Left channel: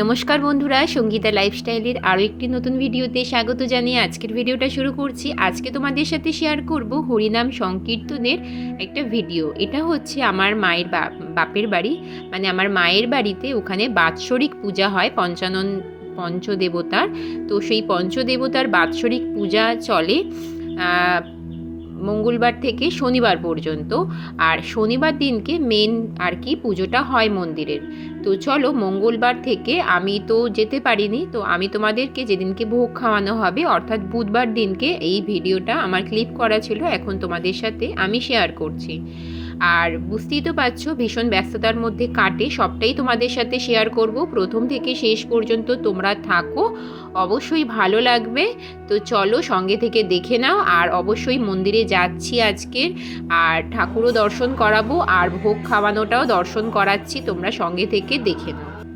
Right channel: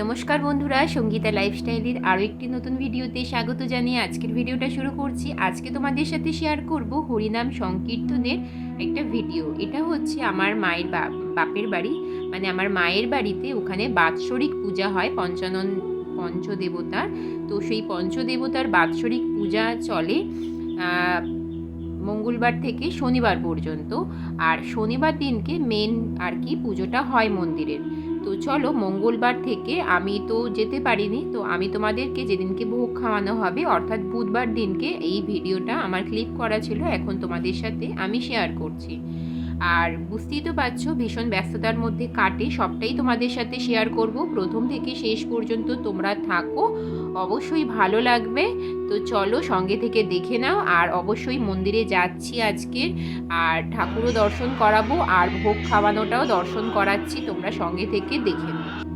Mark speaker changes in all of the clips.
Speaker 1: নমস্কার বন্ধুরা, সঙ্গীতা লাইফস্টাইলের আরও একটি নতুন ভিডিওতে স্বাগত জানিয়ে আজকের ভিডিওটা শুরু করছি। আজকে তোমাদের সাথে শেয়ার করব হরিনাম সংকীর্তনের একটা ভিডিও। এটা হচ্ছে আমার মায়ের বাপের বাড়ি। মানে আমার মায়ের বাড়িতে ওখানে বাৎসরিক পূজা হয় পঞ্চানন, পঞ্চদেবতার। তো সেই পঞ্চদেবতার বাৎসরিক পূজা চলে মঙ্গলবার থেকে শনিবার পর্যন্ত। আর শনিবার দিনকে মেন আর কি পুজোটা হয় মন্দিরের। তো চলো মঙ্গলবার থেকে আমি তো যেতে পারিনি, তো আমি তোমাদেরকে যেদিনকে ভোগ খাওয়ানো হবে, অর্থাৎ বুধবার দিনকে এই ভিডিওটা আমার ক্লিপ করা ছিল, এখন তোমাদের সাথে আমি শেয়ার করছি। আর বুঝতেই তো পারছ, ভীষণ ব্যস্ততার মধ্যে কাটে। সবটাই তোমাদের সাথে শেয়ার করব। প্রথম থেকে শেষ পর্যন্ত তোমরা থাকো। অবশ্যই ভালো লাগবে। তো চলো সঙ্গে থেকে দেখে নাও। আর অবশ্যই মন্দিরে যাচ্ছি আজকে। আর ঠাকুরও দর্শন করাবো। আর ভোগ খাওয়ানোটাও দর্শন করাচ্ছি। তোমরা সঙ্গে থেকে দেখে নাও।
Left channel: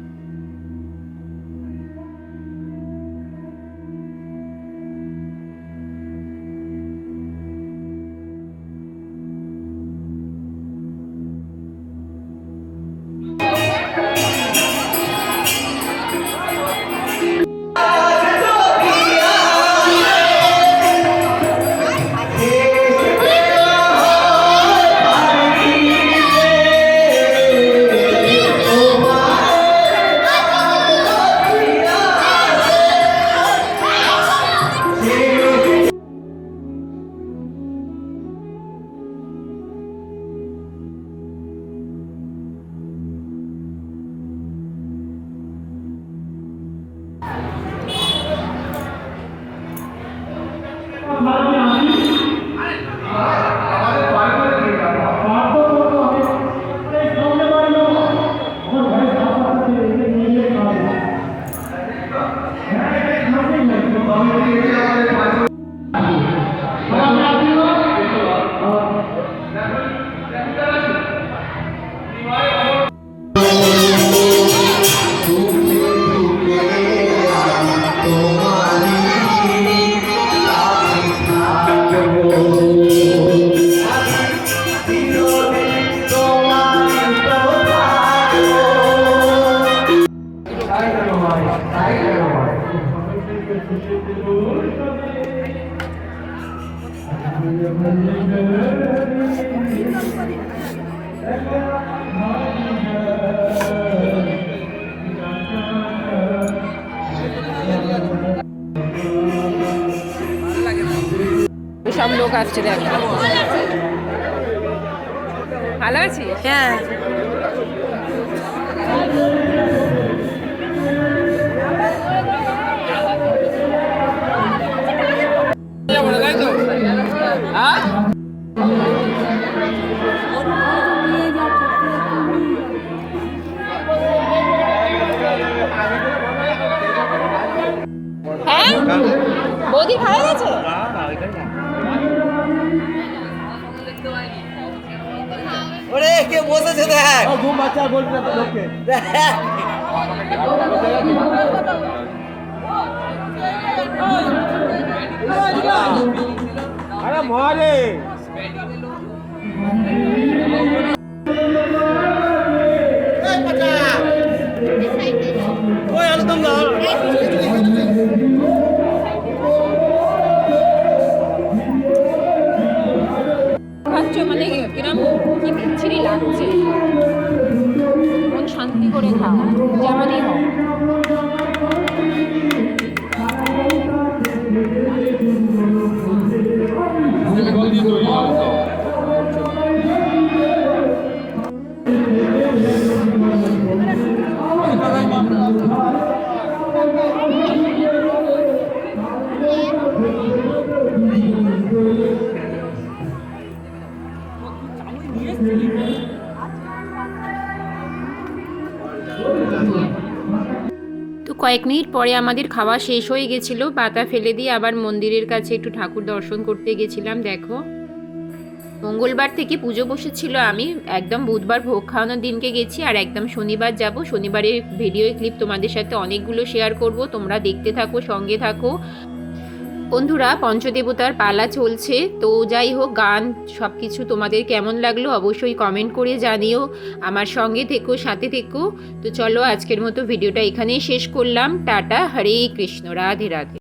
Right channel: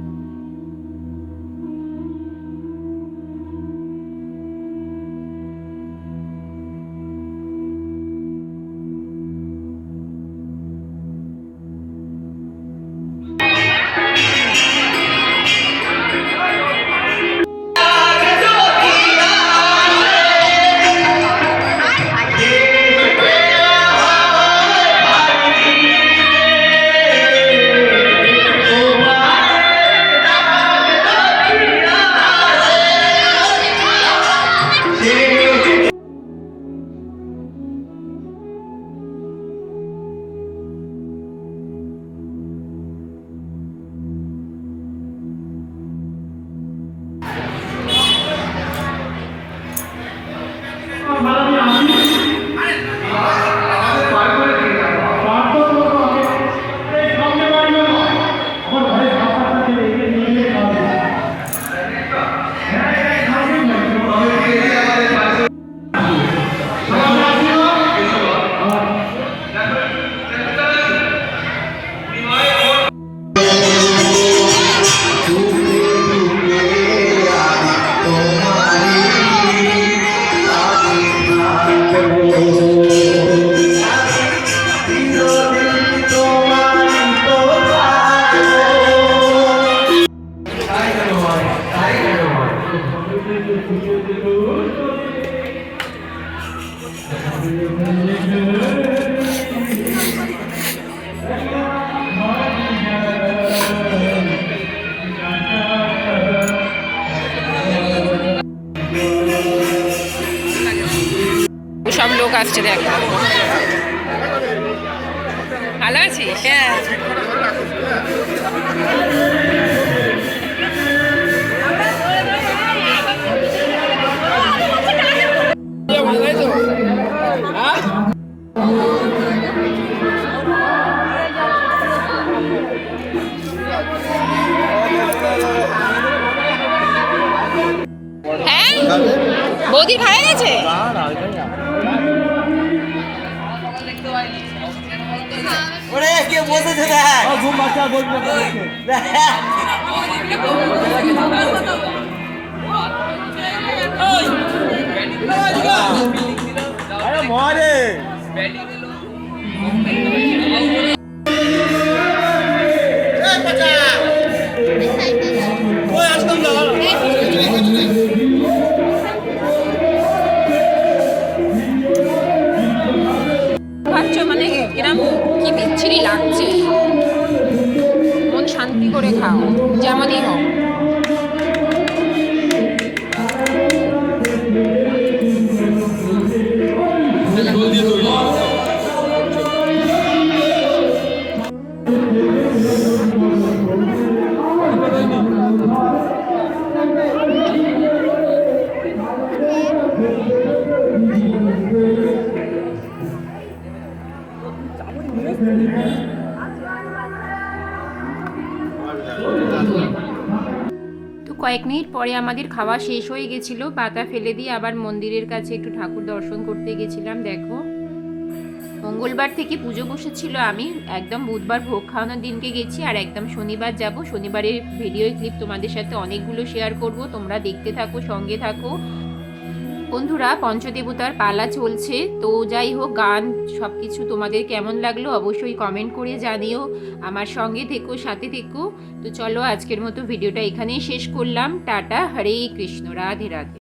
Speaker 1: সব লোক আসছে দেখ। ভালো আছিস? হ্যাঁ। বৌদি খাওয়া গেছে?
Speaker 2: ওরে কে বসেছে দেখ।
Speaker 3: ঘুম বাচ্চা লোককে আরে মরে
Speaker 1: যেমনই হোক। তো কয়েক মিনিট পরে আমাদের খাওয়া শেষ হয়ে গেছিল। পাতা ফেলে দিয়ে আবার মন্দিরের কাছে একটু ঠাকুর দর্শন করতে গেছিলাম, দেখো। মঙ্গলবার থেকে পুজো বসেছিল আমি। একদম বুধবার ভোগ খাওয়ানোর দিনকে গেছি আর একদম শনিবার যাব। শনিবারের ভিডিও ক্লিপ তোমাদের সাথে অনেকগুলো শেয়ার করব। তোমরা দেখতে থাকো, সঙ্গে থাকো। বন্ধুরা, পঞ্চদেবতার পালা চলছে। তো যাই হোক, গান সব কিছু তোমাদের কেমন লাগল অবশ্যই কমেন্ট করে জানিও। আমার সঙ্গে থেকো, সাথে থেকো। তো চলো, আজকের মতো ভিডিওটা এখানেই শেষ করলাম। টাটা, হরে কৃষ্ণ, রাধে রাধে।